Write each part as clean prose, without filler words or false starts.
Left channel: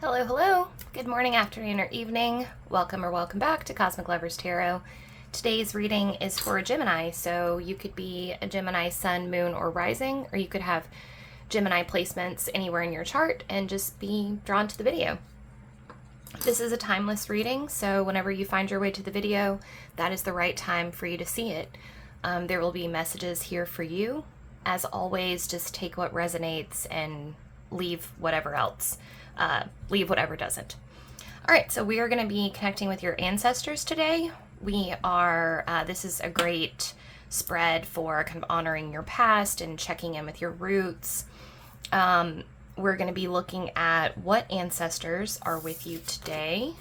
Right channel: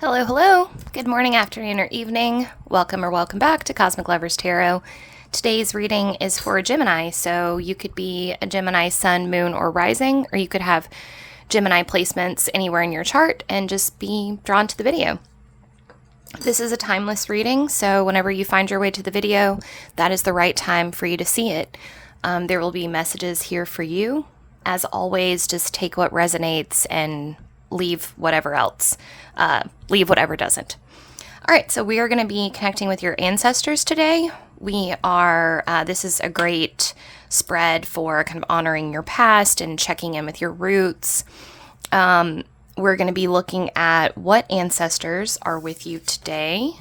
Hello, hello. Good morning, afternoon, or evening. Welcome or welcome back to Cosmic Lovers Tarot. Today's reading is for a Gemini, so you could be a Gemini sun, moon, or rising, or you could have Gemini placements anywhere in your chart and just be drawn to the video. This is a timeless reading, so whenever you find your way to the video, that is the right time for you to see it. There will be messages here for you. As always, just take what resonates and leave whatever else. Leave whatever doesn't. All right, so we are going to be connecting with your ancestors today. This is a great spread for kind of honoring your past and checking in with your roots. We're going to be looking at what ancestors are with you today,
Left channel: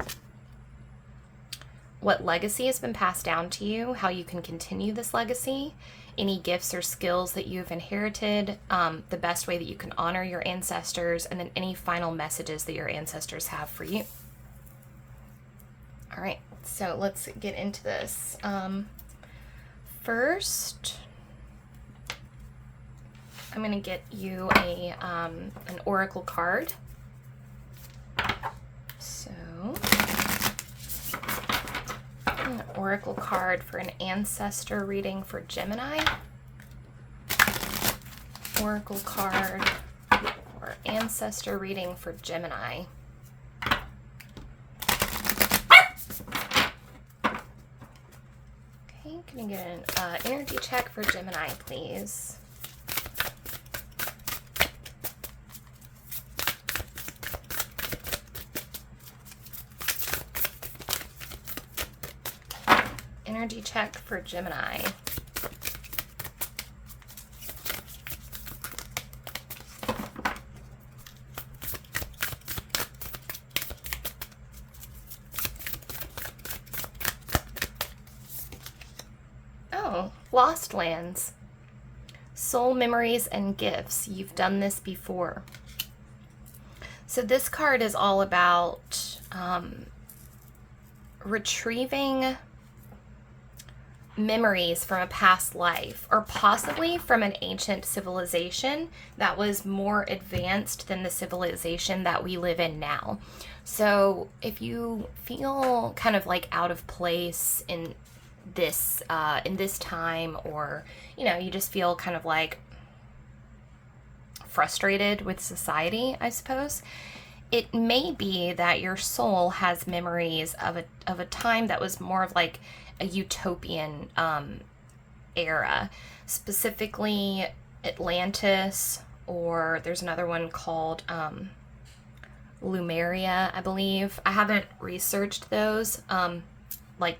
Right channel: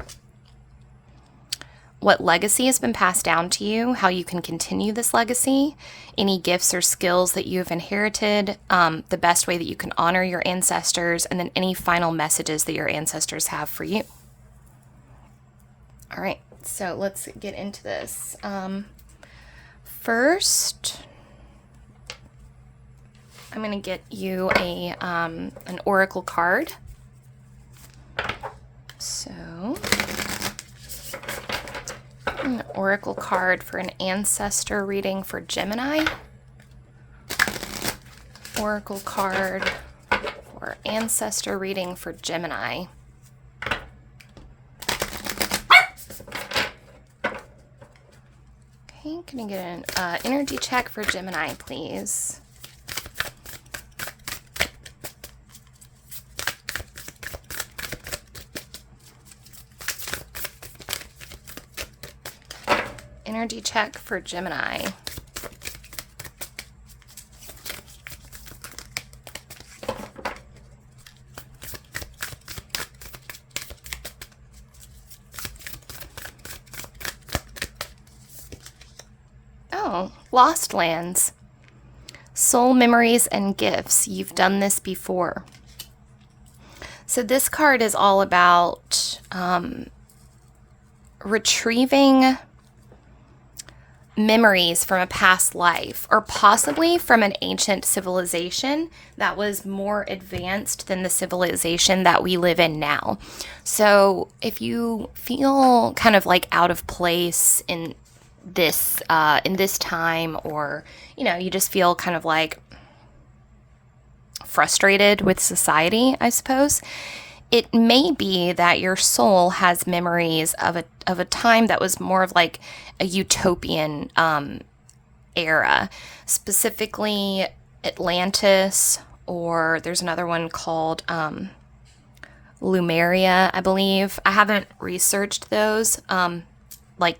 what legacy has been passed down to you, how you can continue this legacy, any gifts or skills that you have inherited, the best way that you can honor your ancestors, and then any final messages that your ancestors have for you. All right, so let's get into this. First, I'm going to get you an oracle card. So, an oracle card for an ancestor reading for Gemini. Oracle card for ancestor reading for Gemini. Okay, can I get an energy check for Gemini, please? Energy check for Gemini. Oh, Lost Lands. Soul memories and gifts. You've done this before. So this card is all about retrieving memories from a past life, or possibly from an ancient civilization that was more advanced than the civilization that we live in now. So if you feel kind of like out of place in this time, or you just feel kind of like frustrated with society, I suppose, it may be that your soul has memories of a time that was more of like a utopian era, specifically Atlantis, or there's another one called Lumeria, I believe. I haven't researched those like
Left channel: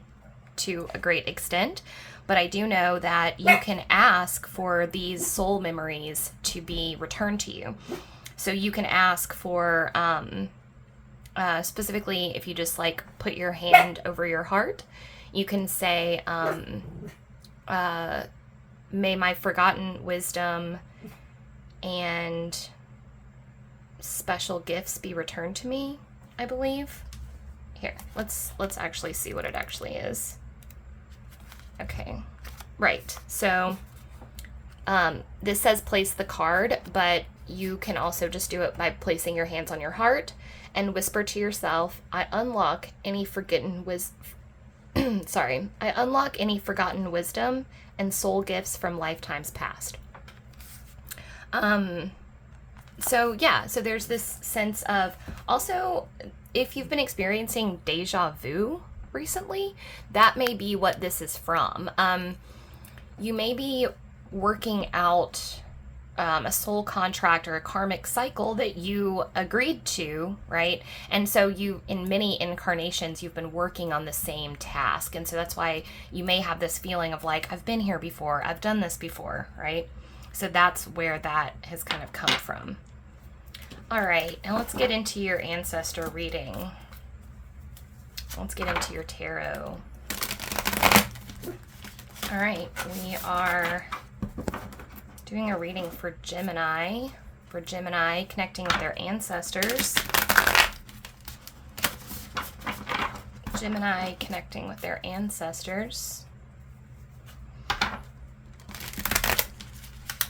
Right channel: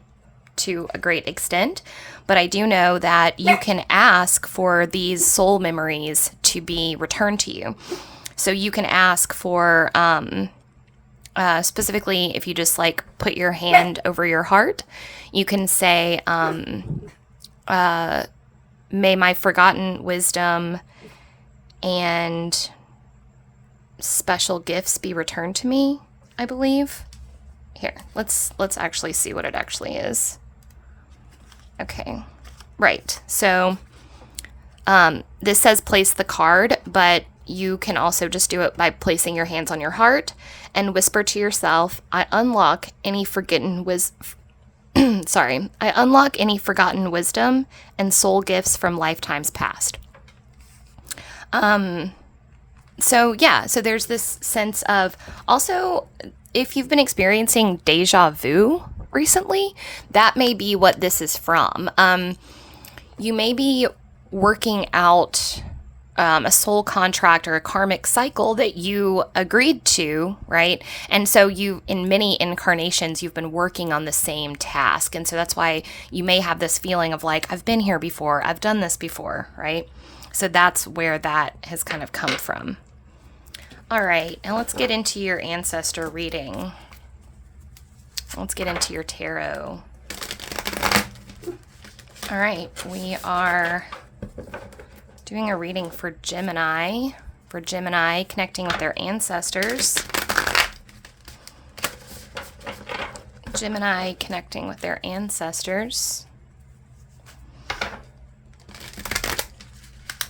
to a great extent, but I do know that you can ask for these soul memories to be returned to you. So you can ask for, specifically, if you just like put your hand over your heart, you can say, may my forgotten wisdom and special gifts be returned to me, I believe. Here, let's actually see what it actually is. Okay, right. So this says place the card, but you can also just do it by placing your hands on your heart and whisper to yourself, I unlock any forgotten I unlock any forgotten wisdom and soul gifts from lifetimes past. So there's this sense of, also, if you've been experiencing deja vu recently, that may be what this is from. You may be working out a soul contract or a karmic cycle that you agreed to, right? And so in many incarnations, you've been working on the same task. And so that's why you may have this feeling of like, I've been here before, I've done this before, right? So that's where that has kind of come from. All right, and let's get into your ancestor reading. Let's get into your tarot. All right, we are doing a reading for Gemini, connecting with their ancestors. Gemini connecting with their ancestors.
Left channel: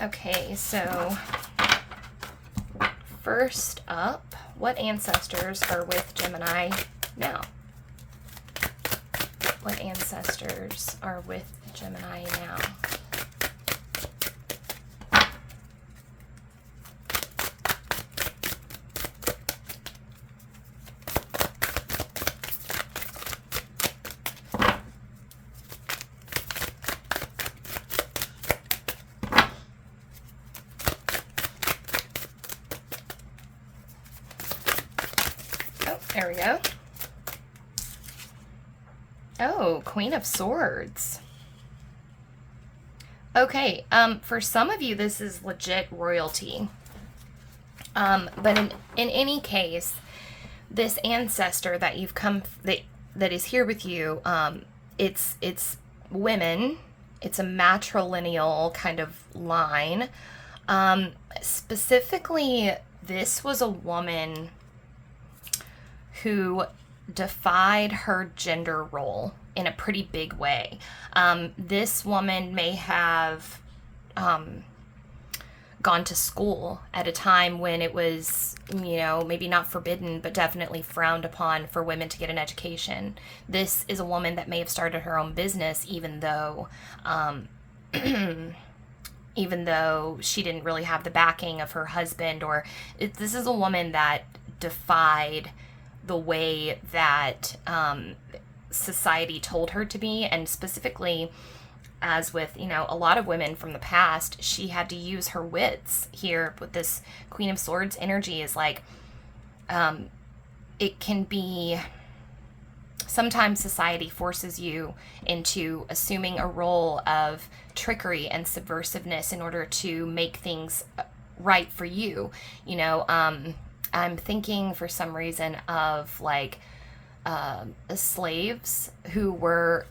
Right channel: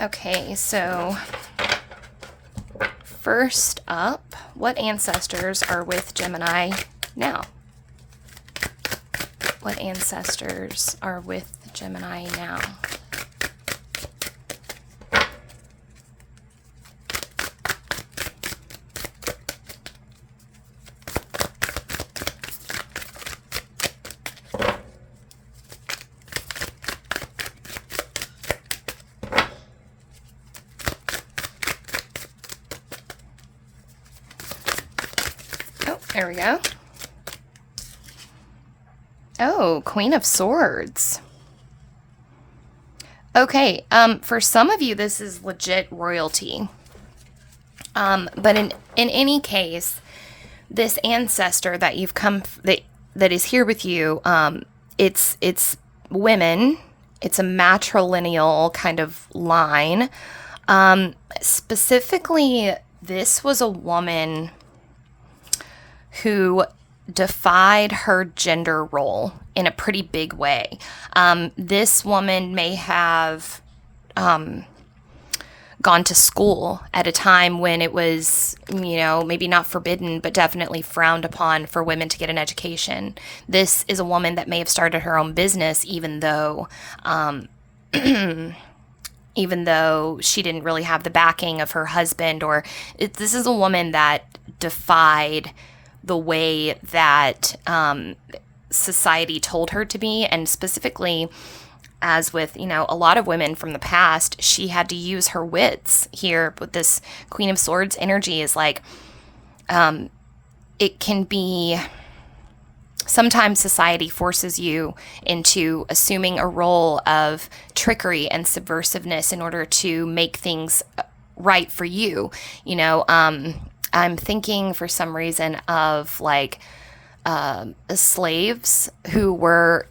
Okay, so first up, what ancestors are with Gemini now? What ancestors are with Gemini now? There we go. Oh, Queen of Swords. Okay, for some of you, this is legit royalty. But in any case, this ancestor that you've come, that is here with you, it's women. It's a matrilineal kind of line. Specifically, this was a woman who defied her gender role in a pretty big way. This woman may have gone to school at a time when it was, you know, maybe not forbidden, but definitely frowned upon for women to get an education. This is a woman that may have started her own business, even though even though she didn't really have the backing of her husband, or this is a woman that defied the way that society told her to be. And specifically, as with, you know, a lot of women from the past, she had to use her wits here. With this Queen of Swords energy is like, it can be, sometimes society forces you into assuming a role of trickery and subversiveness in order to make things right for you. You know, I'm thinking for some reason of like slaves who were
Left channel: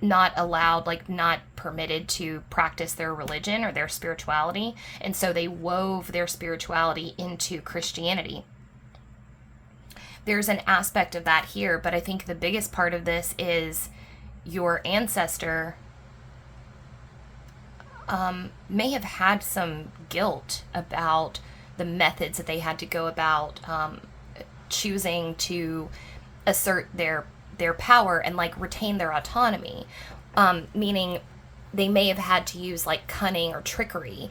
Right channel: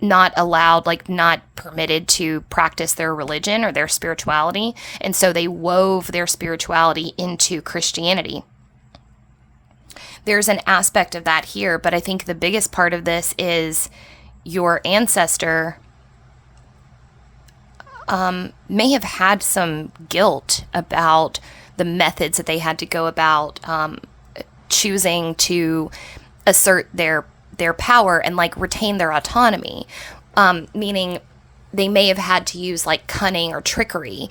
not allowed, like not permitted to practice their religion or their spirituality. And so they wove their spirituality into Christianity. There's an aspect of that here, but I think the biggest part of this is your ancestor may have had some guilt about the methods that they had to go about choosing to assert their power and like retain their autonomy, meaning they may have had to use like cunning or trickery,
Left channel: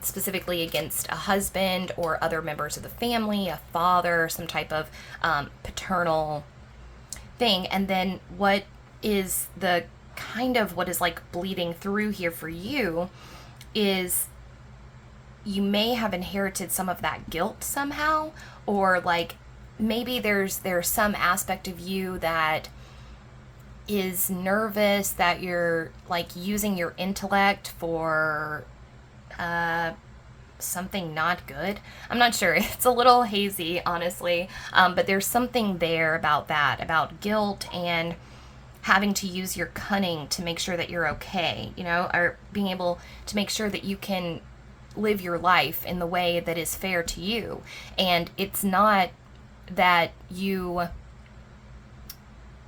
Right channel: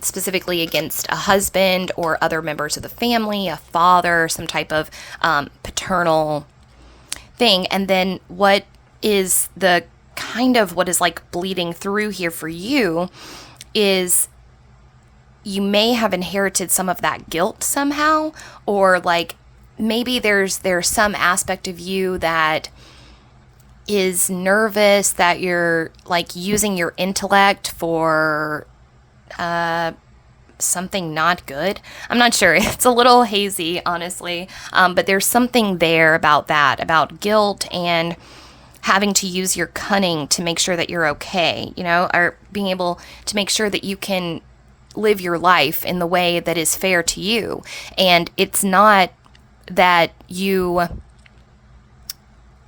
specifically against a husband or other members of the family, a father, some type of paternal thing. And then what is the kind of what is like bleeding through here for you is you may have inherited some of that guilt somehow, or like maybe there's some aspect of you that is nervous that you're like using your intellect for something not good. I'm not sure. It's a little hazy, honestly. But there's something there about that, about guilt and having to use your cunning to make sure that you're okay, you know, or being able to make sure that you can live your life in the way that is fair to you. And it's not that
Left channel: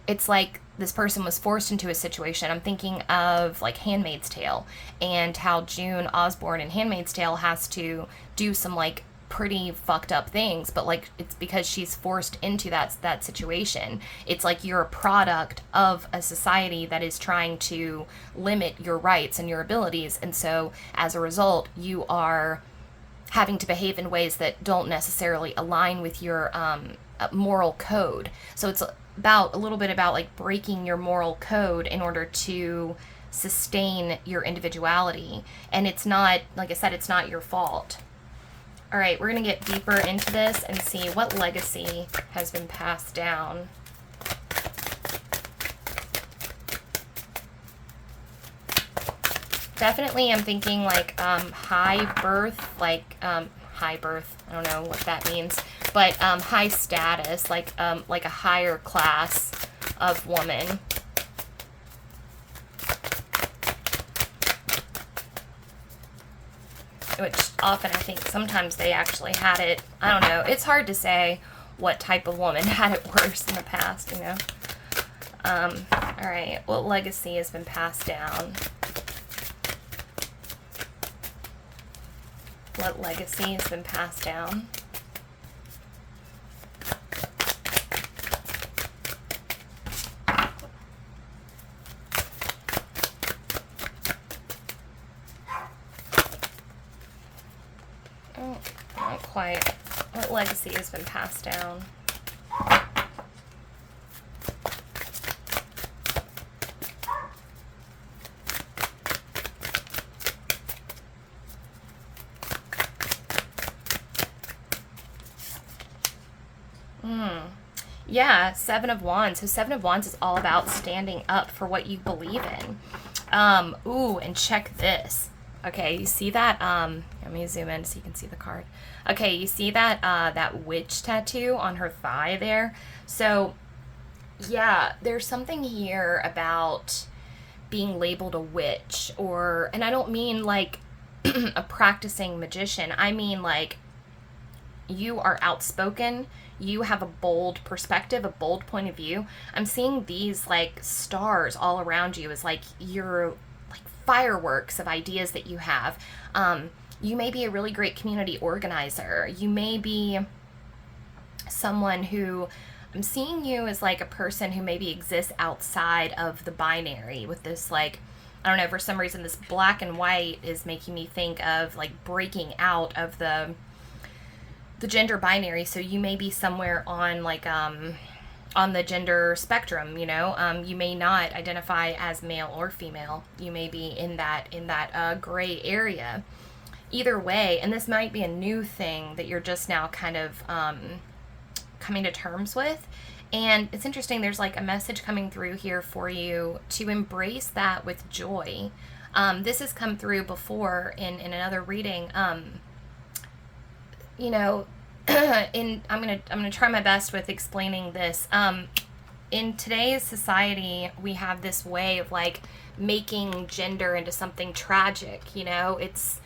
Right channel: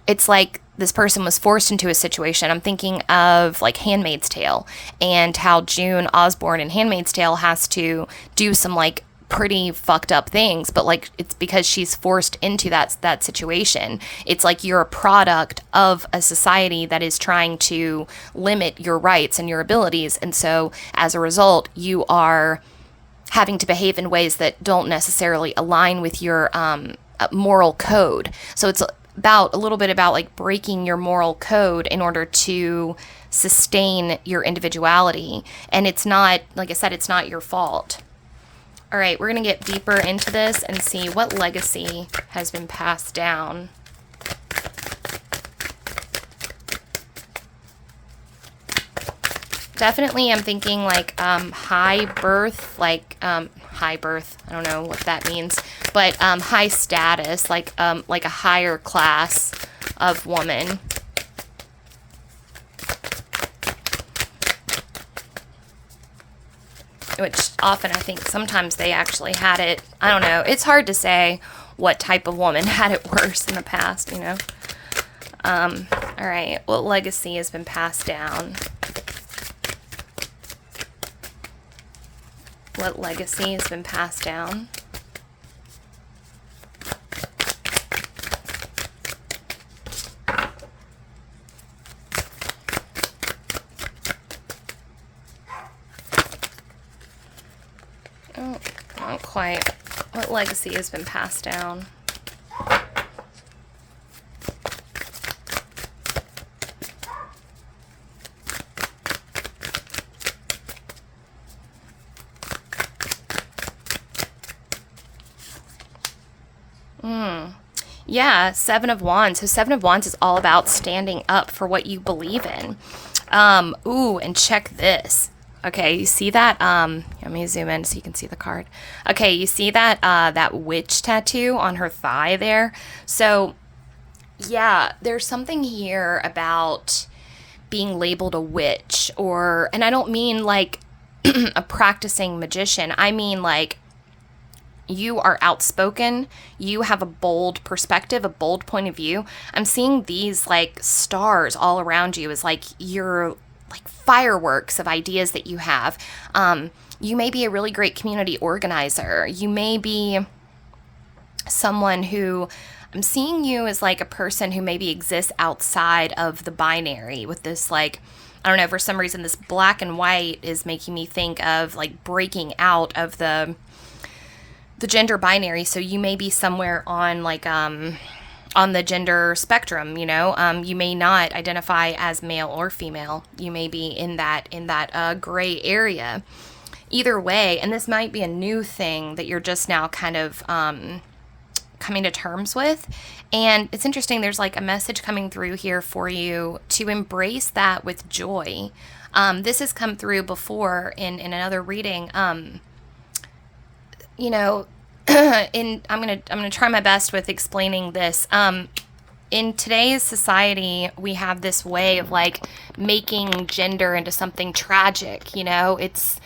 it's like this person was forced into a situation. I'm thinking of like Handmaid's Tale and how June Osborne in Handmaid's Tale has to do some like pretty fucked up things, but like it's because she's forced into that situation. It's like you're a product of a society that is trying to limit your rights and your abilities, and so as a result you are having to behave in ways that don't necessarily align with your moral code. So it's about a little bit about like breaking your moral code in order to sustain your individuality. And it's not, like I said, it's not your fault. All right, we're going to get deeper into this and see what legacy has been passed down. Definitely, I'm thinking like high birth, like high birth. I don't know what that means, but high status, like a higher class of woman. Which often I think sometimes they actually had it. I don't know. It's hard to say what type of woman had it worse in the past, you know. All right, what legacy has been passed down? What legacy has been passed down? legacy has been passed down? Yeah, Seven of Wands. So Seven of Wands is all about standing up for what you believe in. Ooh, and check this. Okay, you see that? Let me zoom in so you can see the card. Okay, you see that that witch tattoo on her thigh there? So yeah, there's something here about being labeled a witch, or, and I don't mean like a practicing magician. I mean like you are outspoken, you have a bold perspective, a bold point of view. I'm seeing these like stars all around you as like you're like fireworks of ideas that you have. You may be a really great community organizer. You may be someone who, I'm seeing you as like a person who maybe exists outside of the binary with this like, I don't know, for some reason this black and white is making me think of like breaking out of the gender binary. So you may be somewhere on like on the gender spectrum, you know. You may not identify as male or female. You may be in that gray area. Either way, and this might be a new thing that you're just now kind of coming to terms with. And it's interesting, there's like a message coming through here for you to embrace that with joy. This has come through before in another reading. You know, I'm gonna try my best with explaining this. In today's society, we have this way of like making gender into something tragic. You know, it's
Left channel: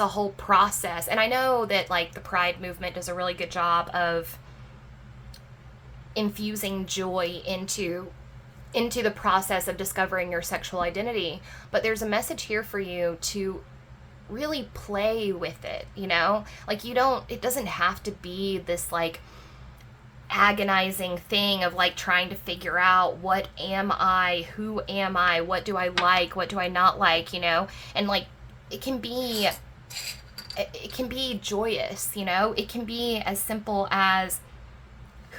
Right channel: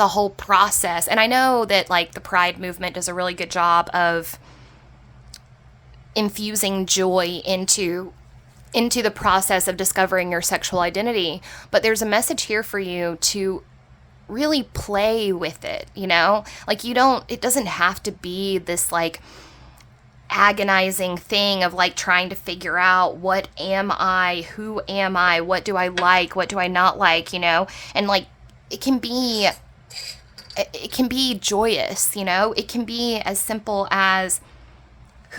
a whole process, and I know that like the Pride movement does a really good job of infusing joy into the process of discovering your sexual identity. But there's a message here for you to really play with it, you know? Like it doesn't have to be this like agonizing thing of like trying to figure out what am I, who am I, what do I like, what do I not like, you know? And like it can be joyous, you know? It can be as simple as I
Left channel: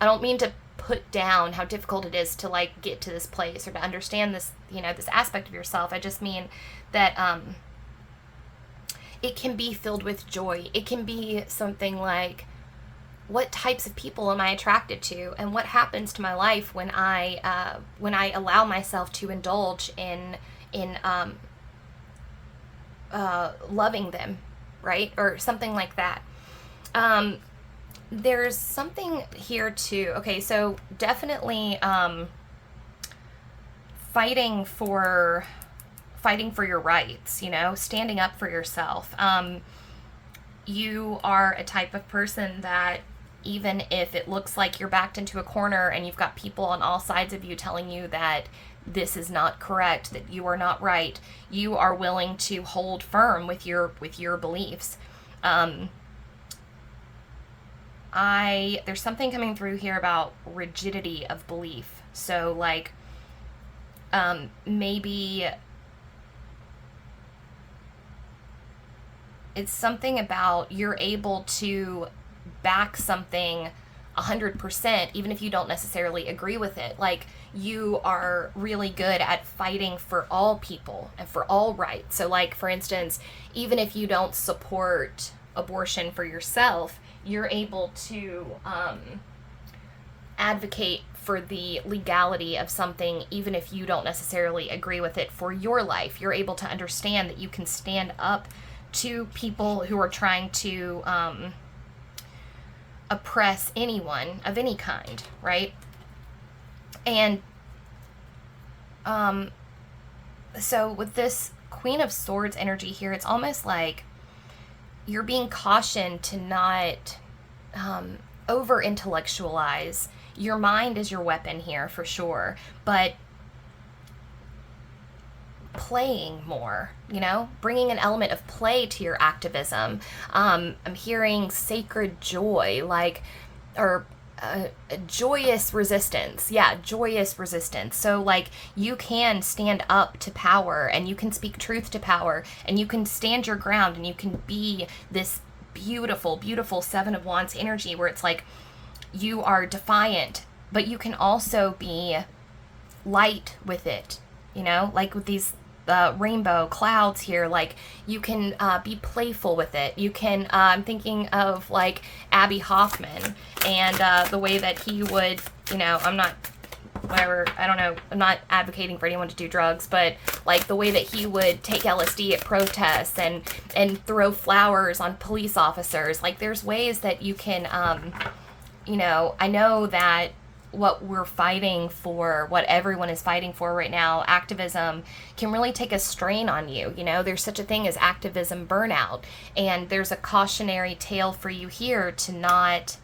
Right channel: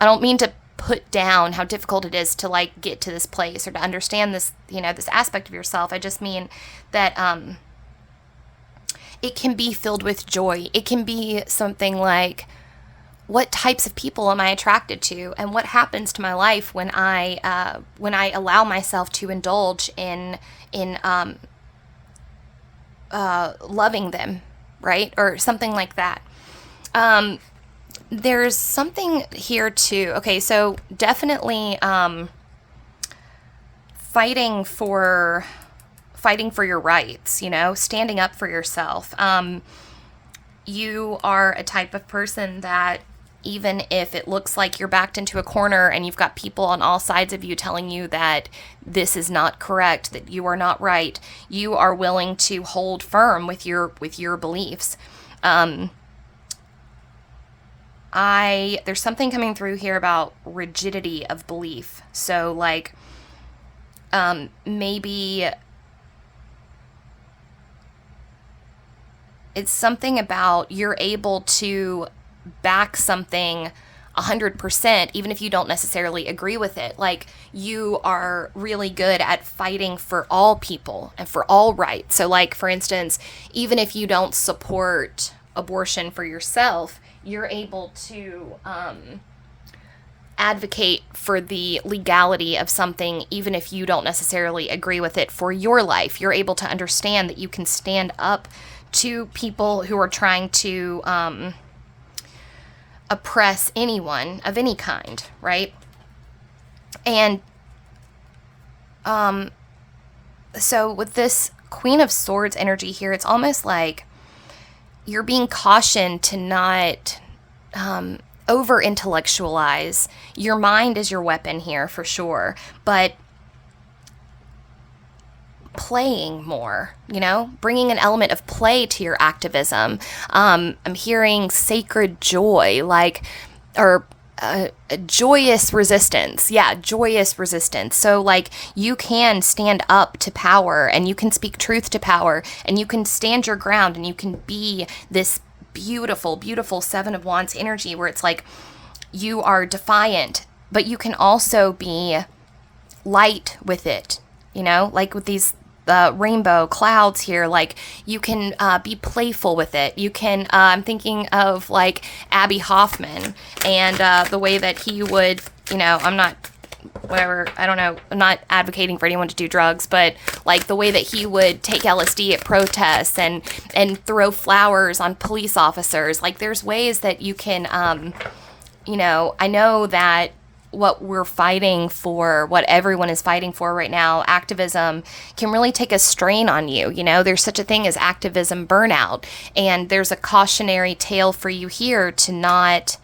don't mean to put down how difficult it is to like get to this place or to understand this, you know, this aspect of yourself. I just mean that it can be filled with joy. It can be something like, what types of people am I attracted to, and what happens to my life when I allow myself to indulge in loving them, right? Or something like that. There's something here too. Okay, so definitely fighting for your rights, you know, standing up for yourself. You are a type of person that even if it looks like you're backed into a corner and you've got people on all sides of you telling you that this is not correct, that you are not right, you are willing to hold firm with your beliefs. There's something coming through here about rigidity of belief. So like, maybe it's something about you're able to back something 100%, even if you don't necessarily agree with it. Like you are really good at fighting for all people and for all rights. So like, for instance, even if you don't support abortion for yourself, you're able to advocate for the legality of something, even if you don't necessarily agree with it for your life. You're able to understand that you can stand up to people who are trying to oppress anyone of any kind, right? And so with this Queen of Swords energy here, it's almost like you're being cautioned to not over intellectualize. Your mind is your weapon here for sure, but playing more, you know, bringing an element of play to your activism. I'm hearing sacred joy, like, or a joyous resistance. Yeah, joyous resistance. So like you can stand up to power and you can speak truth to power and you can stand your ground and you can be this beautiful, beautiful Seven of Wands energy where it's like you are defiant, but you can also be light with it, you know, like with these rainbow clouds here, like you can be playful with it. You can, I'm thinking of like Abby Hoffman and the way that he would, you know, I'm not, whatever, I don't know, I'm not advocating for anyone to do drugs, but like the way that he would take LSD at protests and throw flowers on police officers. Like there's ways that you can, you know, I know that what we're fighting for, what everyone is fighting for right now, activism, can really take a strain on you. You know, there's such a thing as activism burnout. And there's a cautionary tale for you here to not,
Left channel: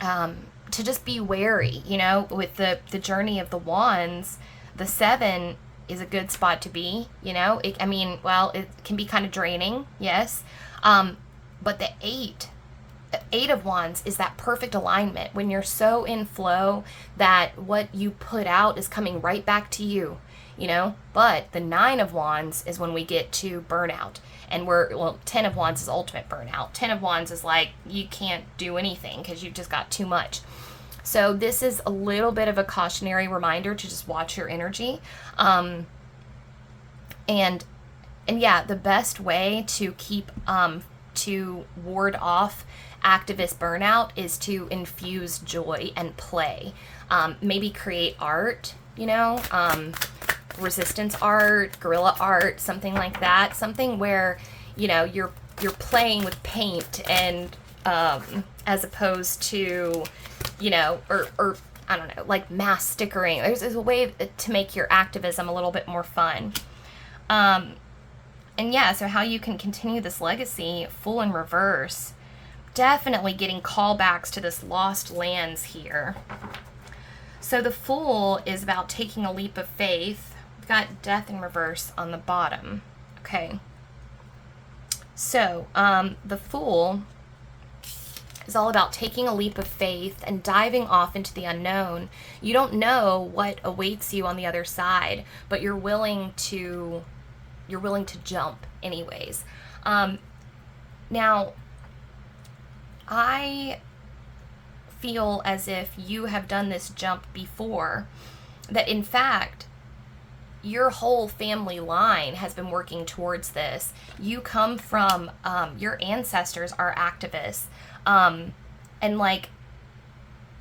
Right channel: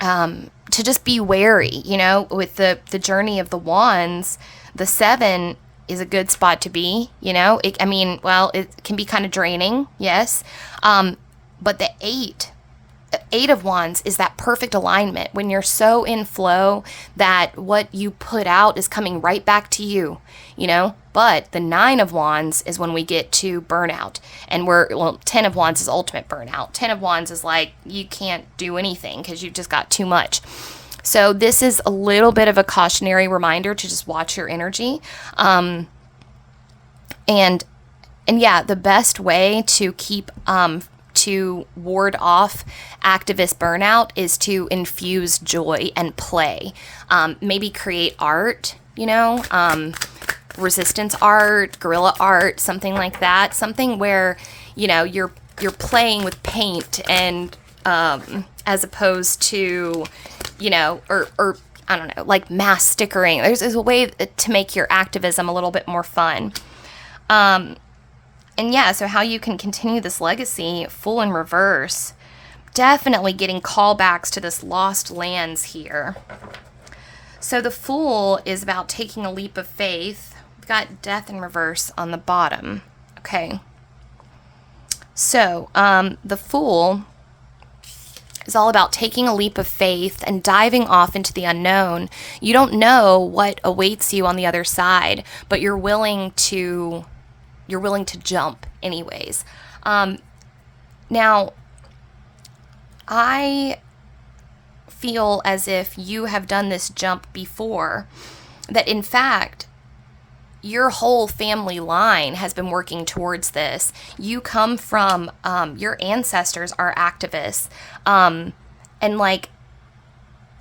to just be wary, you know, with the journey of the wands. The 7 is a good spot to be, you know, I mean, well, it can be kind of draining. Yes. But the 8 of Wands is that perfect alignment when you're so in flow that what you put out is coming right back to you, you know. But the 9 of Wands is when we get to burnout, and well, 10 of Wands is ultimate burnout. 10 of Wands is like you can't do anything because you've just got too much. So this is a little bit of a cautionary reminder to just watch your energy. And yeah, the best way to keep to ward off activist burnout is to infuse joy and play. Maybe create art, you know, resistance art, guerrilla art, something like that. Something where, you know, you're playing with paint and as opposed to, you know, or I don't know, like mass stickering. There's a way to make your activism a little bit more fun. And yeah, so how you can continue this legacy, Fool in reverse. Definitely getting callbacks to this lost lands here. So the Fool is about taking a leap of faith. We've got Death in reverse on the bottom. Okay. So the Fool is all about taking a leap of faith and diving off into the unknown. You don't know what awaits you on the other side, but you're willing to jump anyways. Now, I feel as if you have done this jump before, that in fact, your whole family line has been working towards this. You come from, your ancestors are activists, and like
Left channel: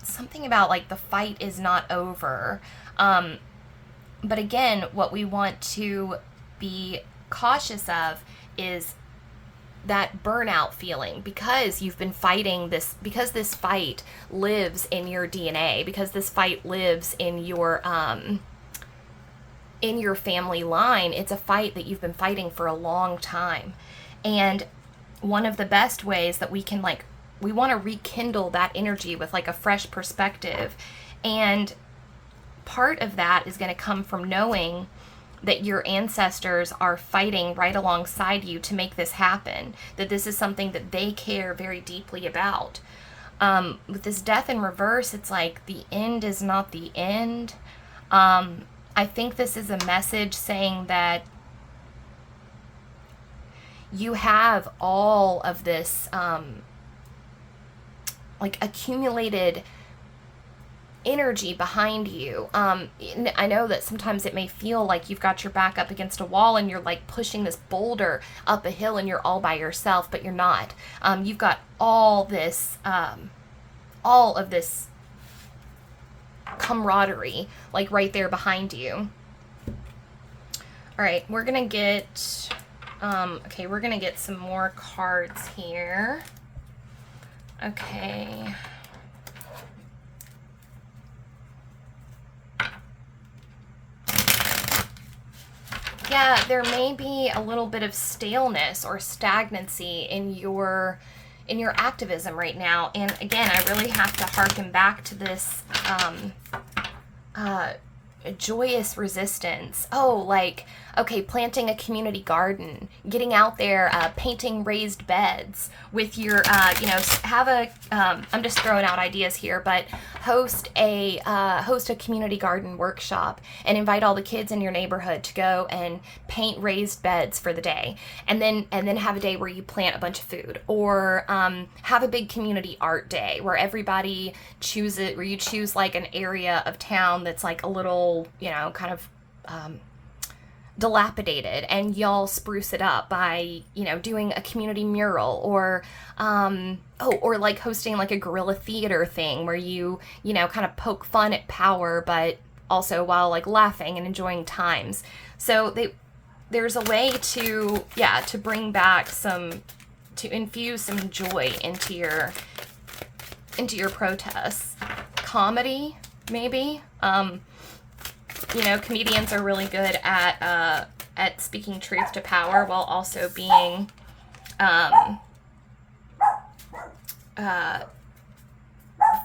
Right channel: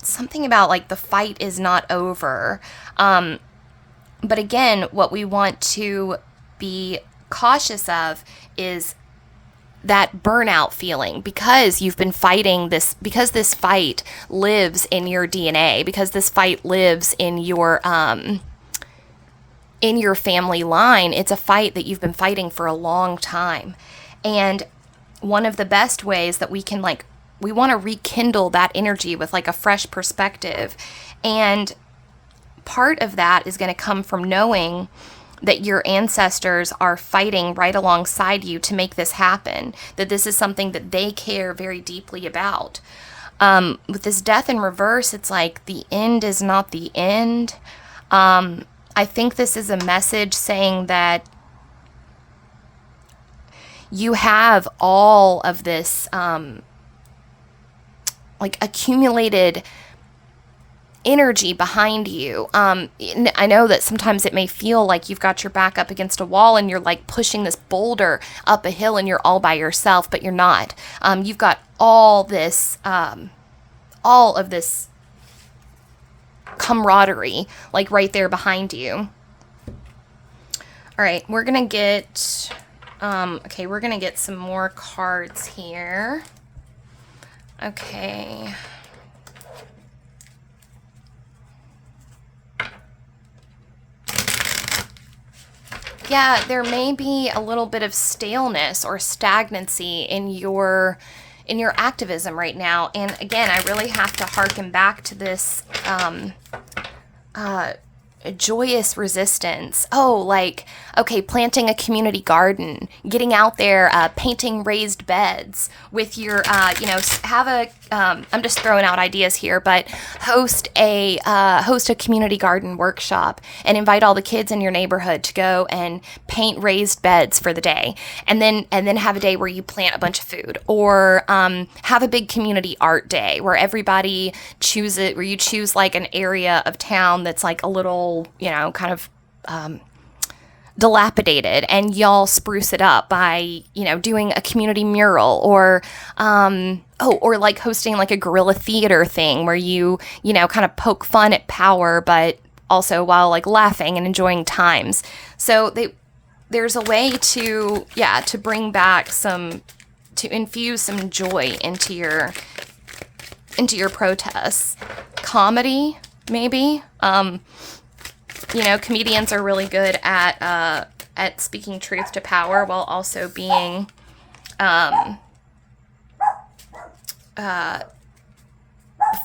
something about like the fight is not over. But again, what we want to be cautious of is that burnout feeling, because you've been fighting this, because this fight lives in your DNA, because this fight lives in your family line. It's a fight that you've been fighting for a long time. And one of the best ways that we can, like, we want to rekindle that energy with like a fresh perspective. And part of that is going to come from knowing that your ancestors are fighting right alongside you to make this happen, that this is something that they care very deeply about. With this Death in reverse, it's like the end is not the end. I think this is a message saying that you have all of this like accumulated energy behind you. I know that sometimes it may feel like you've got your back up against a wall and you're like pushing this boulder up a hill and you're all by yourself, but you're not. You've got all of this camaraderie like right there behind you. All right, we're gonna get we're gonna get some more cards here. Okay. Yeah, there may be a little bit of staleness or stagnancy in your activism right now. And again, I really have to harken back to this joyous resistance. Oh, like, okay, planting a community garden, getting out there, painting raised beds with your, have a, I'm just throwing out ideas here, but host a community garden workshop and invite all the kids in your neighborhood to go and paint raised beds for the day. And then have a day where you plant a bunch of food, or have a big community art day where everybody where you choose like an area of town that's like a little, kind of dilapidated, and y'all spruce it up by, doing a community mural, or or like hosting like a guerrilla theater thing where you kind of poke fun at power, but also while like laughing and enjoying times. So there's a way to bring back to infuse some joy into your protests. Comedy, maybe. Comedians are really good at speaking truth to power while also being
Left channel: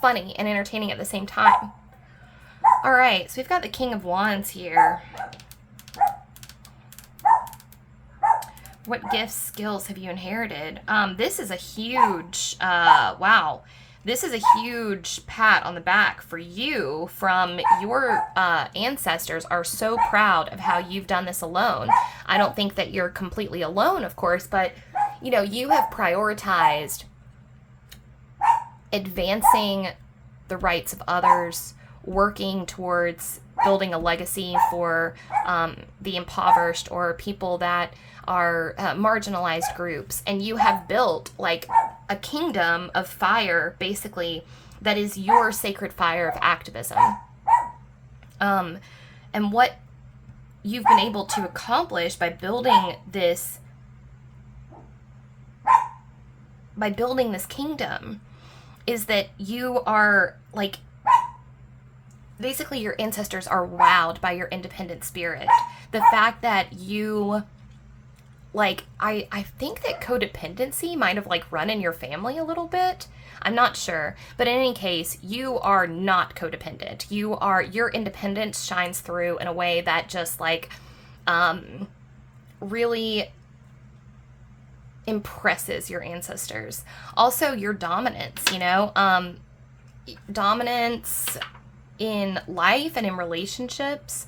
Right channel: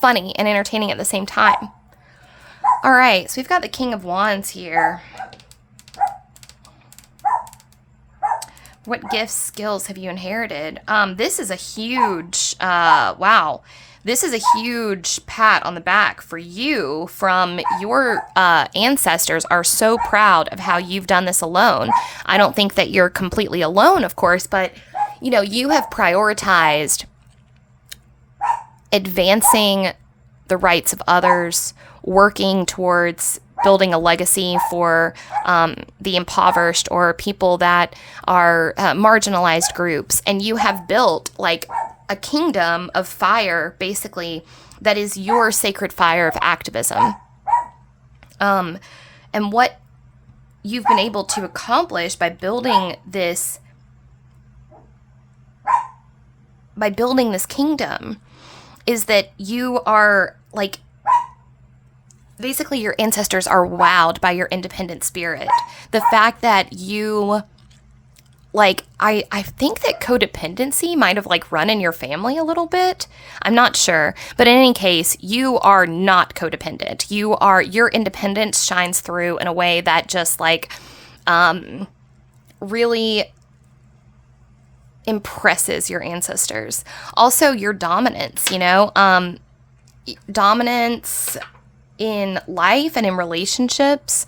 funny and entertaining at the same time. All right, so we've got the King of Wands here. What gifts, skills have you inherited? This is a huge, wow. This is a huge pat on the back for you from your ancestors are so proud of how you've done this alone. I don't think that you're completely alone, of course, but, you have prioritized advancing the rights of others, working towards building a legacy for the impoverished or people that are marginalized groups. And you have built like a kingdom of fire, basically, that is your sacred fire of activism. And what you've been able to accomplish by building this kingdom is that you are like, basically your ancestors are wowed by your independent spirit. The fact that you, like, I think that codependency might have like run in your family a little bit. I'm not sure. But in any case, you are not codependent. Your independence shines through in a way that just like really impresses your ancestors. Also your dominance, dominance in life and in relationships.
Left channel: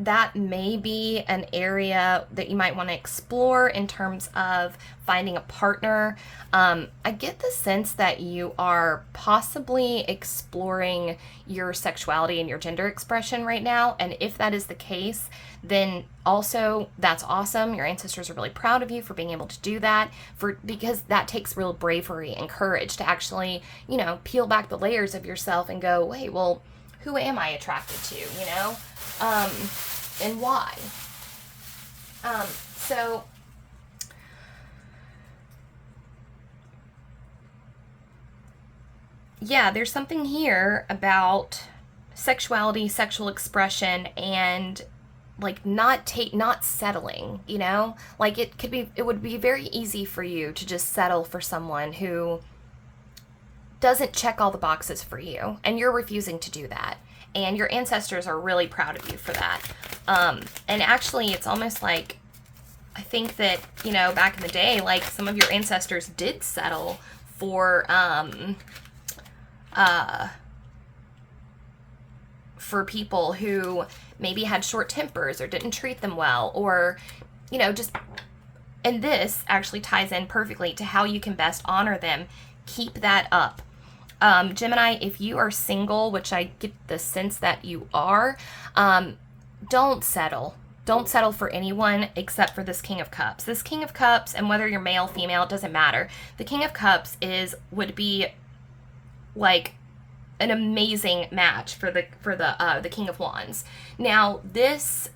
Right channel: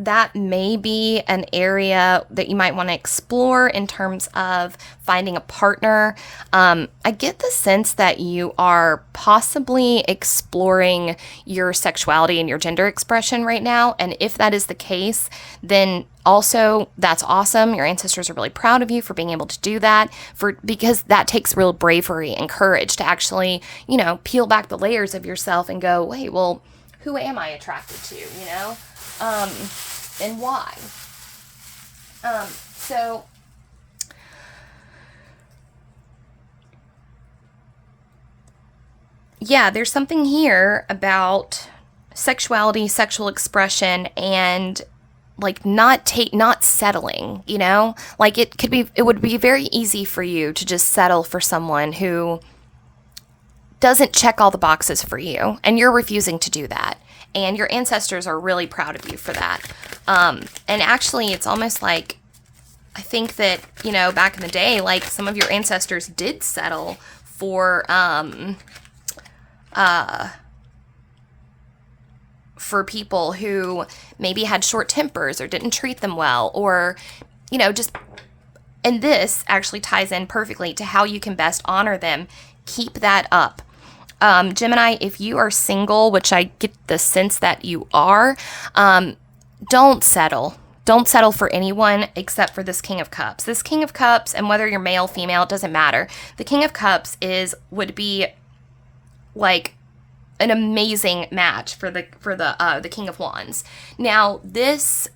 That may be an area that you might want to explore in terms of finding a partner. I get the sense that you are possibly exploring your sexuality and your gender expression right now. And if that is the case, then also that's awesome. Your ancestors are really proud of you for being able to do that, because that takes real bravery and courage to actually, peel back the layers of yourself and go, wait, well, who am I attracted to, and why? So yeah, there's something here about sexuality, sexual expression, and like not settling, like it would be very easy for you to just settle for someone who doesn't check all the boxes for you, and you're refusing to do that. And your ancestors are really proud of you for that. And actually, it's almost like, I think that, back in the day, like some of your ancestors did settle for people who maybe had short tempers or didn't treat them well, or, just, and this actually ties in perfectly to how you can best honor them. Keep that up. Gemini, if you are single, which I get the sense that you are, don't settle. Don't settle for anyone except for this King of Cups. This King of Cups, and whether you're male, female, it doesn't matter. The King of Cups would be like an amazing match for the King of Wands. Now, this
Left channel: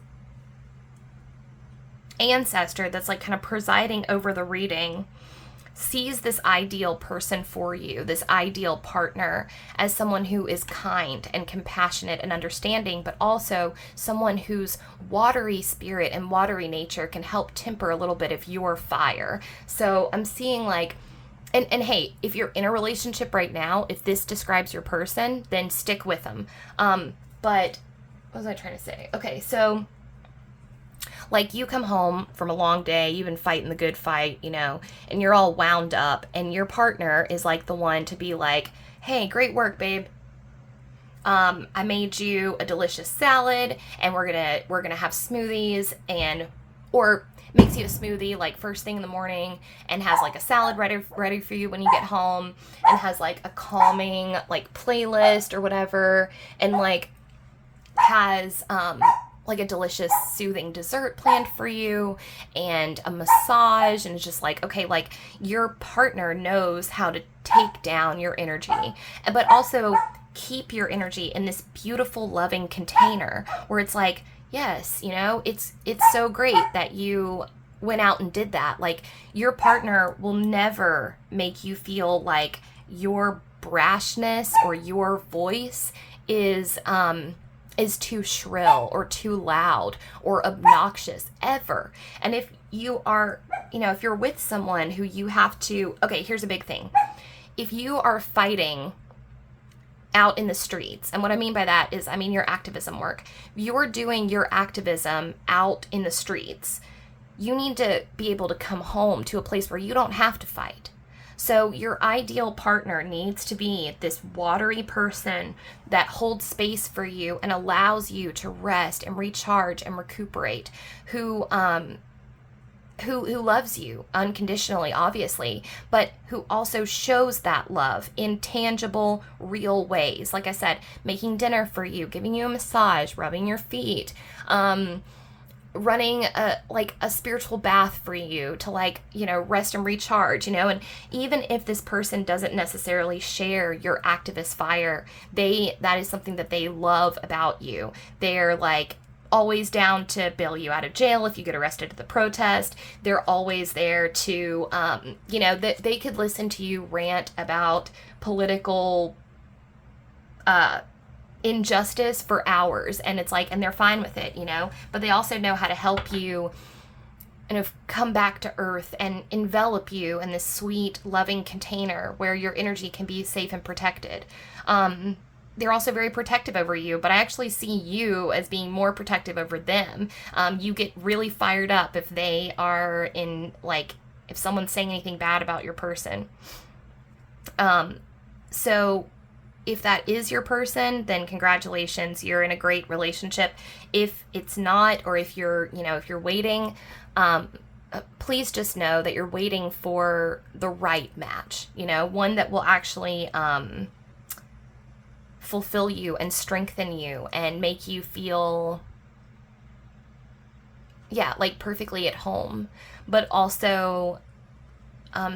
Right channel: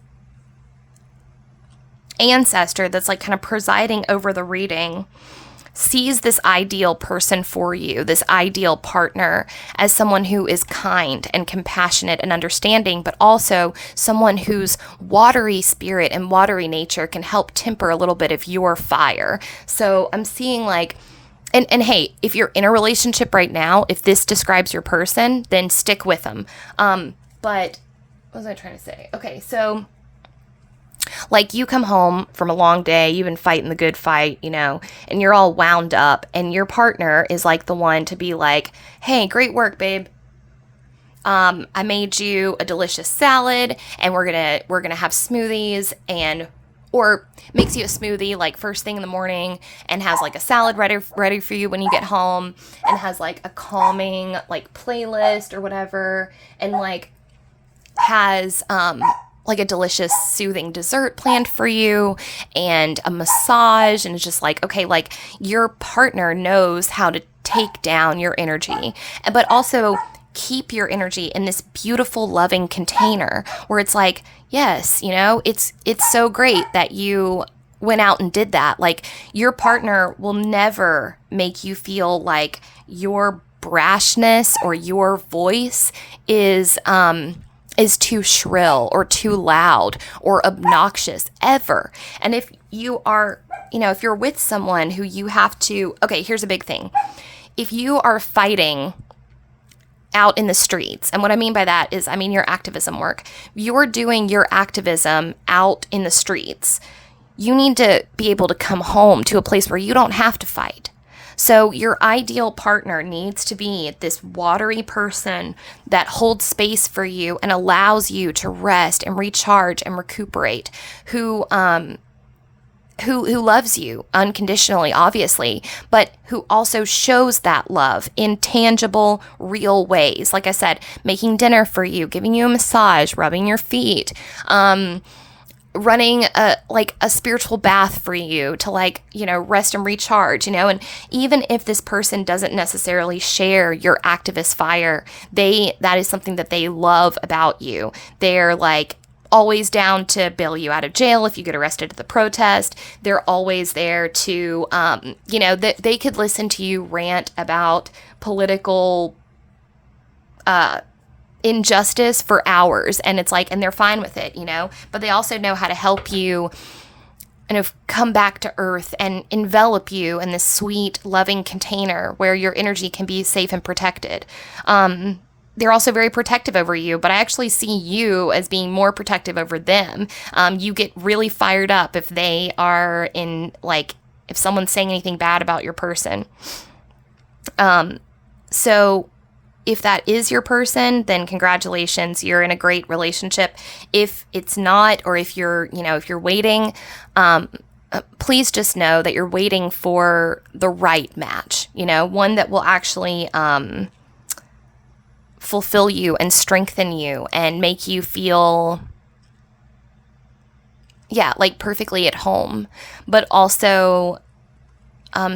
ancestor that's like kind of presiding over the reading sees this ideal person for you, this ideal partner, as someone who is kind and compassionate and understanding, but also someone whose watery spirit and watery nature can help temper a little bit of your fire. So I'm seeing like, and hey, if you're in a relationship right now, if this describes your person, then stick with them. But what was I trying to say? Okay, so like you come home from a long day, you've been fighting the good fight, and you're all wound up, and your partner is like the one to be like, hey, great work, babe. I made you a delicious salad, and we're gonna have smoothies, and or makes you a smoothie like first thing in the morning, and has like a salad ready for you when you get home, and has like a calming like playlist or whatever, and like has like a delicious soothing dessert planned for you, and a massage, and it's just like, okay, like your partner knows how to take down your energy, but also keep your energy in this beautiful loving container where it's like, yes, it's so great that you went out and did that. Like your partner will never make you feel like your brashness or your voice is too shrill or too loud or obnoxious ever. And if you are, if you're with someone who you have to, okay, here's a big thing. If you are fighting out in the streets, and what I mean by that is, I mean your activism work. You're doing your activism out in the streets. You need to be able to come home to a place where you don't have to fight. So your ideal partner needs to be this watery person that holds space for you and allows you to rest and recharge and recuperate, who loves you unconditionally, obviously, but who also shows that love in tangible, real ways. Like I said, making dinner for you, giving you a massage, rubbing your feet, running a spiritual bath for you to rest and recharge, and even if this person doesn't necessarily share your activist fire, that is something that they love about you. They're like always down to bail you out of jail if you get arrested at the protest. They're always there to, they could listen to you rant about political injustice for hours, and it's like, and they're fine with it, but they also know how to help you kind of come back to earth and envelop you in this sweet, loving container where your energy can be safe and protected. They're also very protective over you, but I actually see you as being more protective over them. You get really fired up if they are if someone's saying anything bad about your person. So if that is your person, then congratulations, you're in a great relationship. If it's not, or if you're waiting, please just know that you're waiting for the right match, one that will actually, fulfill you and strengthen you and make you feel, like perfectly at home, but also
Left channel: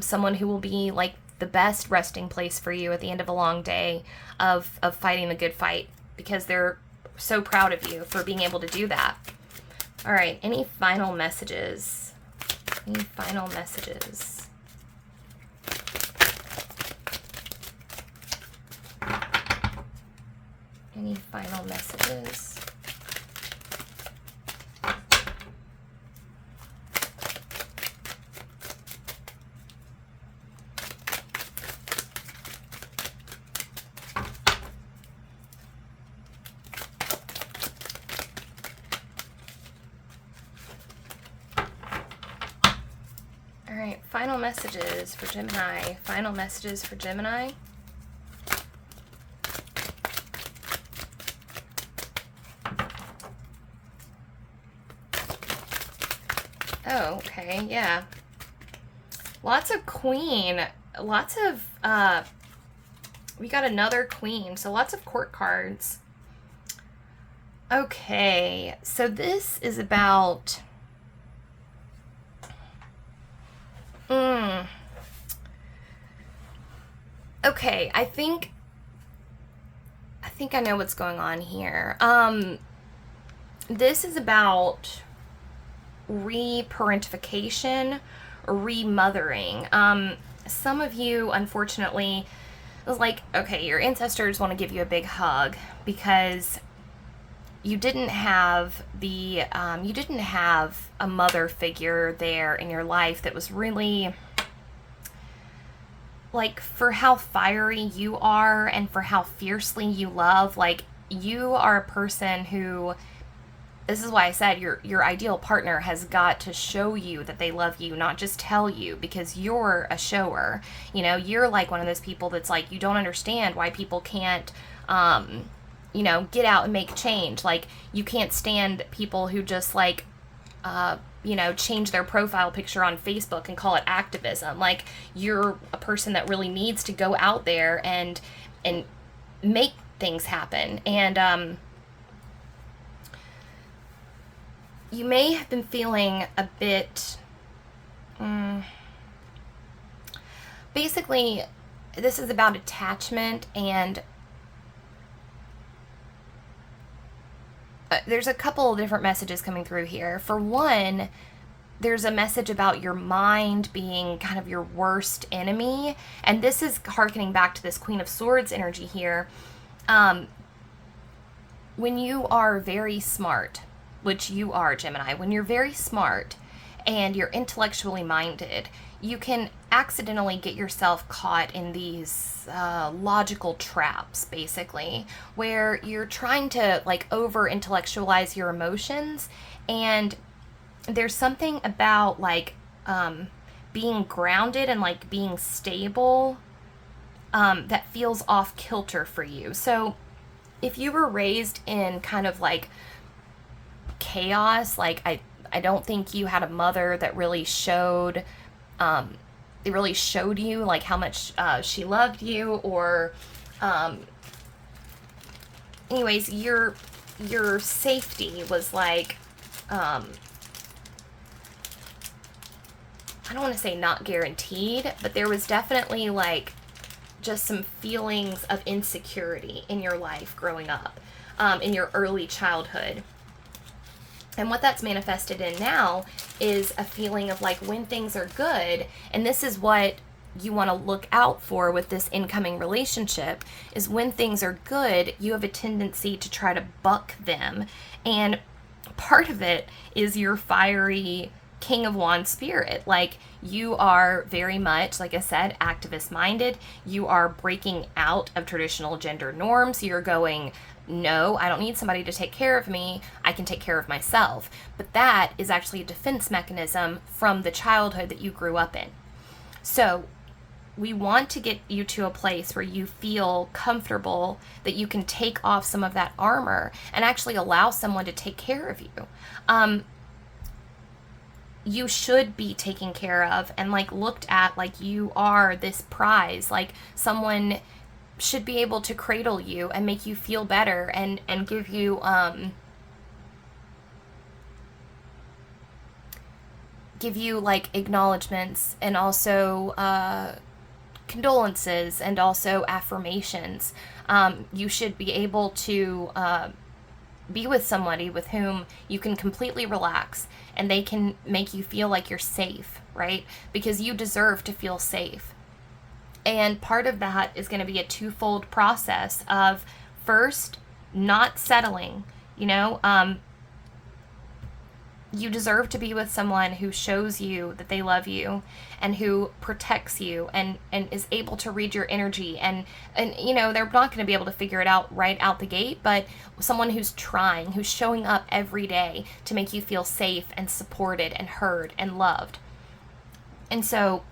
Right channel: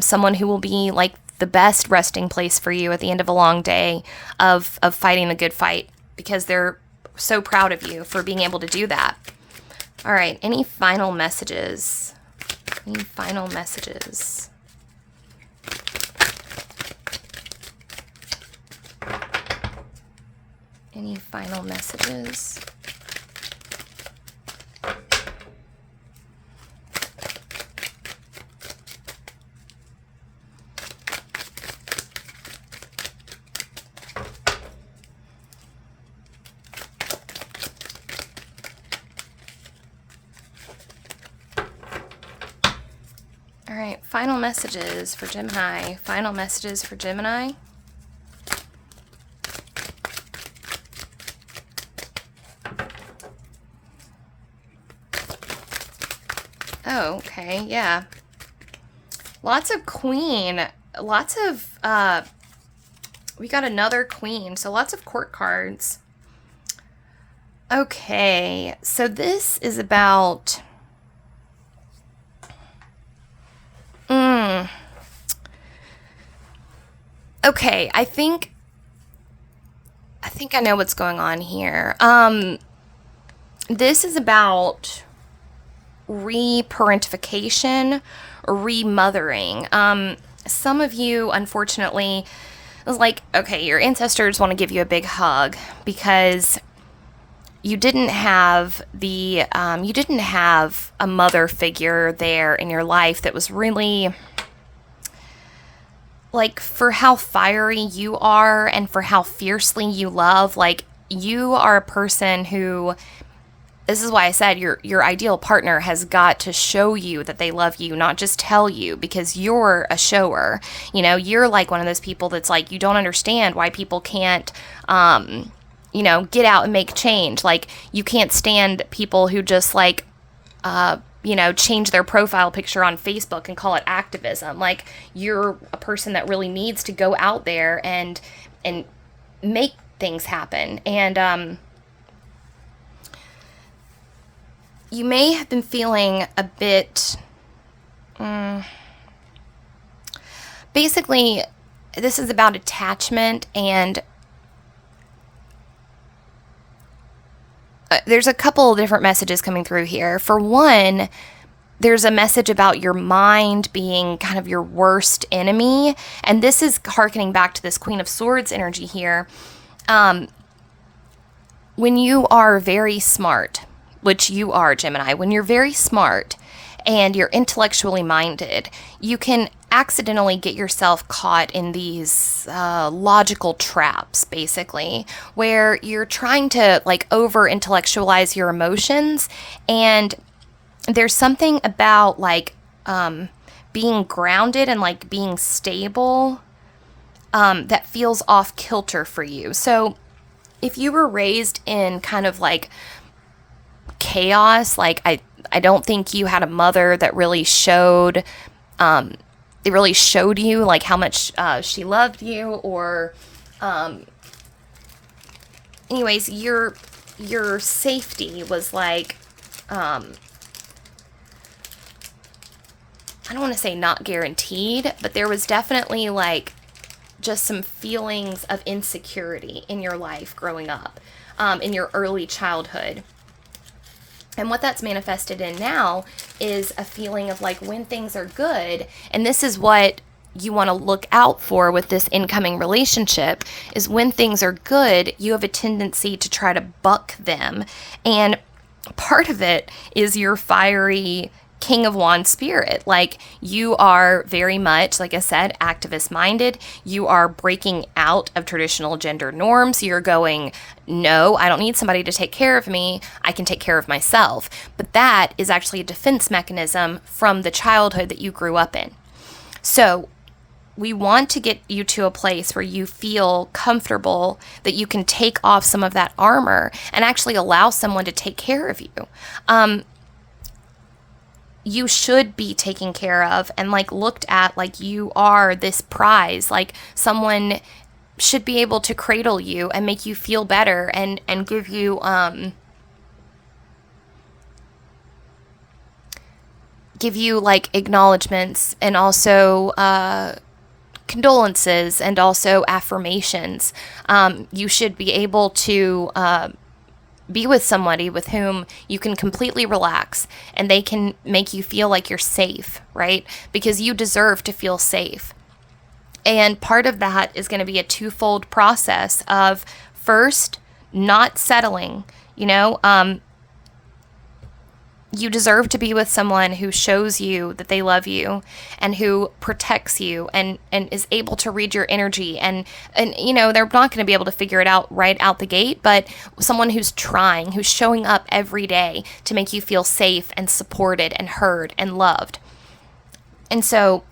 someone who will be like the best resting place for you at the end of a long day of fighting the good fight, because they're so proud of you for being able to do that. All right, any final messages? Any final messages? Any final messages? All right, final messages for Gemini. Final messages for Gemini. Oh, okay, yeah. Lots of queen. Lots of, we got another queen, so lots of court cards. Okay, so this is about... Okay, I think I know what's going on here. This is about reparentification, remothering. Some of you, unfortunately, it was like, okay, your ancestors want to give you a big hug because you didn't have a mother figure there in your life that was really, like, for how fiery you are and for how fiercely you love, like, you are a person who, this is why I said your ideal partner has got to show you that they love you, not just tell you, because you're a shower. You're like one of those people that's like, you don't understand why people can't get out and make change. Like, you can't stand people who just like change their profile picture on Facebook and call it activism. Like, you're a person that really needs to go out there and make things happen. And you may have been feeling a bit, basically, this is about attachment, and there's a couple of different messages coming through here. For one, there's a message about your mind being kind of your worst enemy, and this is hearkening back to this Queen of Swords energy here. When you are very smart, which you are, Gemini, when you're very smart and you're intellectually minded, you can accidentally get yourself caught in these logical traps, basically, where you're trying to like over intellectualize your emotions. And there's something about like being grounded and like being stable that feels off kilter for you. So if you were raised in kind of like chaos, like I don't think you had a mother that really showed you like how much she loved you, or anyways, your safety was like I don't want to say not guaranteed, but there was definitely like just some feelings of insecurity in your life growing up, in your early childhood. And what that's manifested in now is a feeling of like when things are good, and this is what you want to look out for with this incoming relationship, is when things are good, you have a tendency to try to buck them. And part of it is your fiery King of Wands spirit. Like, you are very much, like I said, activist minded. You are breaking out of traditional gender norms. You're going, no, I don't need somebody to take care of me. I can take care of myself. But that is actually a defense mechanism from the childhood that you grew up in. So we want to get you to a place where you feel comfortable that you can take off some of that armor and actually allow someone to take care of you. You should be taken care of and like looked at like you are this prize. Like, someone should be able to cradle you and make you feel better and give you like acknowledgments, and also condolences, and also affirmations. You should be able to be with somebody with whom you can completely relax, and they can make you feel like you're safe, right? Because you deserve to feel safe. And part of that is going to be a twofold process of, first, not settling. You deserve to be with someone who shows you that they love you and who protects you and is able to read your energy. And they're not going to be able to figure it out right out the gate, but someone who's trying, who's showing up every day to make you feel safe and supported and heard and loved. And so,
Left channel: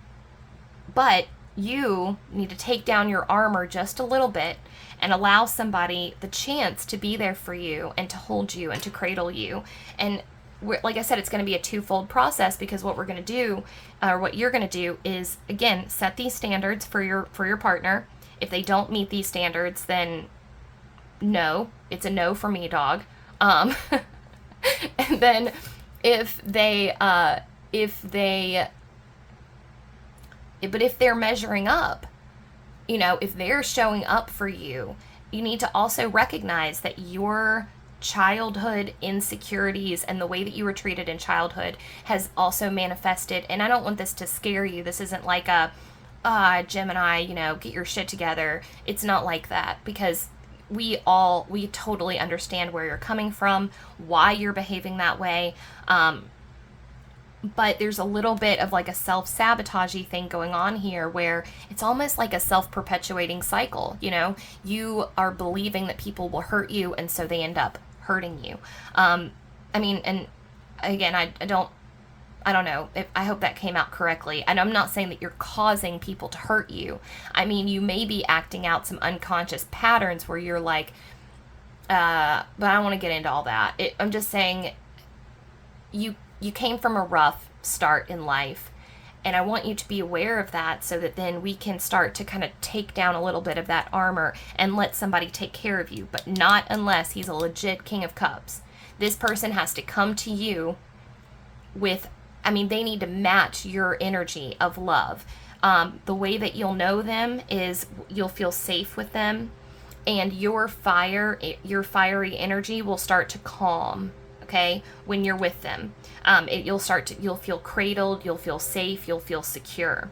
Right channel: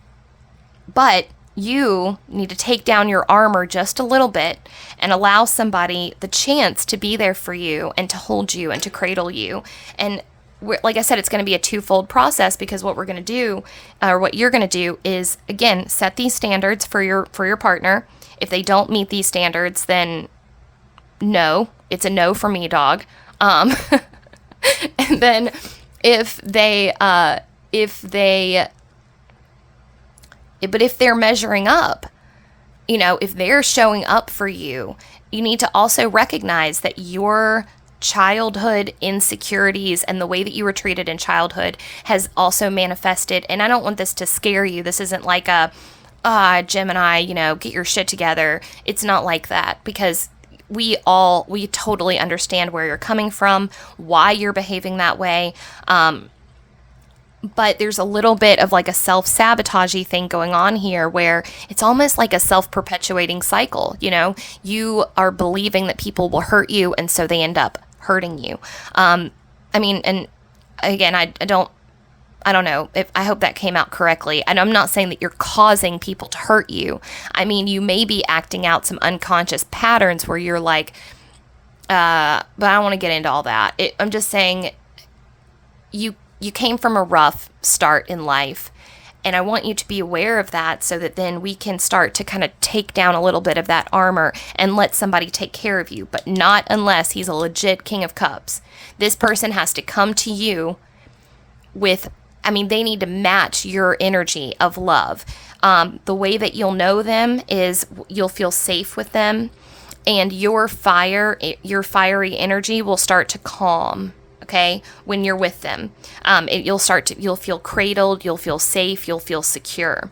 but you need to take down your armor just a little bit and allow somebody the chance to be there for you and to hold you and to cradle you. And like I said, it's going to be a twofold process, because what we're going to do, or what you're going to do, is, again, set these standards for your partner. If they don't meet these standards, then no, it's a no for me, dog. And then if they're measuring up, if they're showing up for you, you need to also recognize that your childhood insecurities and the way that you were treated in childhood has also manifested. And I don't want this to scare you. This isn't like a, Gemini, get your shit together. It's not like that, because we totally understand where you're coming from, why you're behaving that way. but there's a little bit of like a self-sabotagey thing going on here where it's almost like a self-perpetuating cycle. You are believing that people will hurt you, and so they end up hurting you. I mean, and again, I don't know if I hope that came out correctly. And I'm not saying that you're causing people to hurt you. I mean, you may be acting out some unconscious patterns where you're like, but I don't want to get into all that. I'm just saying you came from a rough start in life, and I want you to be aware of that so that then we can start to kind of take down a little bit of that armor and let somebody take care of you, but not unless he's a legit King of Cups. This person has to come to you with, they need to match your energy of love. The way that you'll know them is you'll feel safe with them, and your fiery energy will start to calm. Okay, when you're with them, you'll feel cradled, you'll feel safe, you'll feel secure.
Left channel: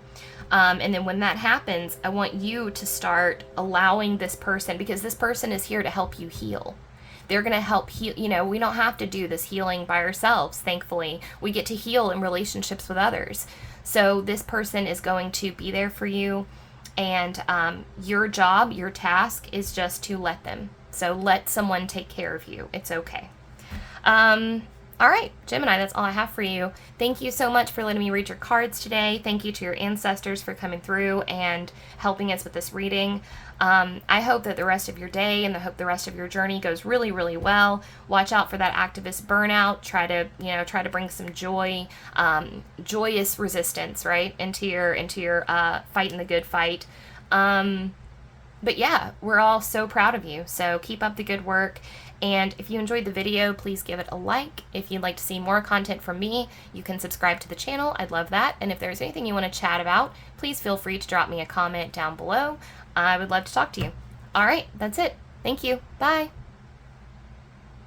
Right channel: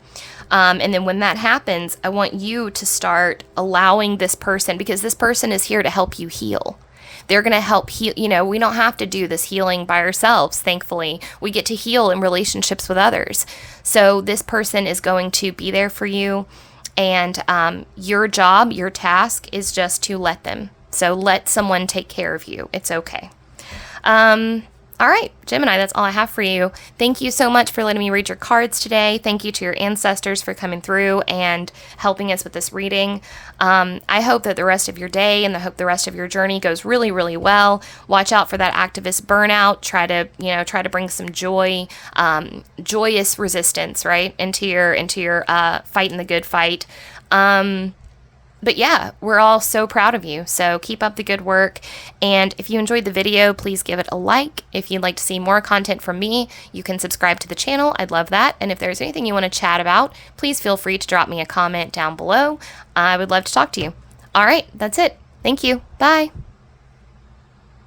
And then when that happens, I want you to start allowing this person, because this person is here to help you heal. They're going to help heal. We don't have to do this healing by ourselves. Thankfully, we get to heal in relationships with others. So this person is going to be there for you. And your job, your task is just to let them. So let someone take care of you. It's okay. All right, Gemini, that's all I have for you. Thank you so much for letting me read your cards today. Thank you to your ancestors for coming through and helping us with this reading. I hope that the rest of your day and I hope the rest of your journey goes really, really well. Watch out for that activist burnout. Try to bring some joy, joyous resistance, right, into your fighting the good fight. But yeah, we're all so proud of you. So keep up the good work. And if you enjoyed the video, please give it a like. If you'd like to see more content from me, you can subscribe to the channel. I'd love that. And if there's anything you want to chat about, please feel free to drop me a comment down below. I would love to talk to you. All right, that's it. Thank you. Bye.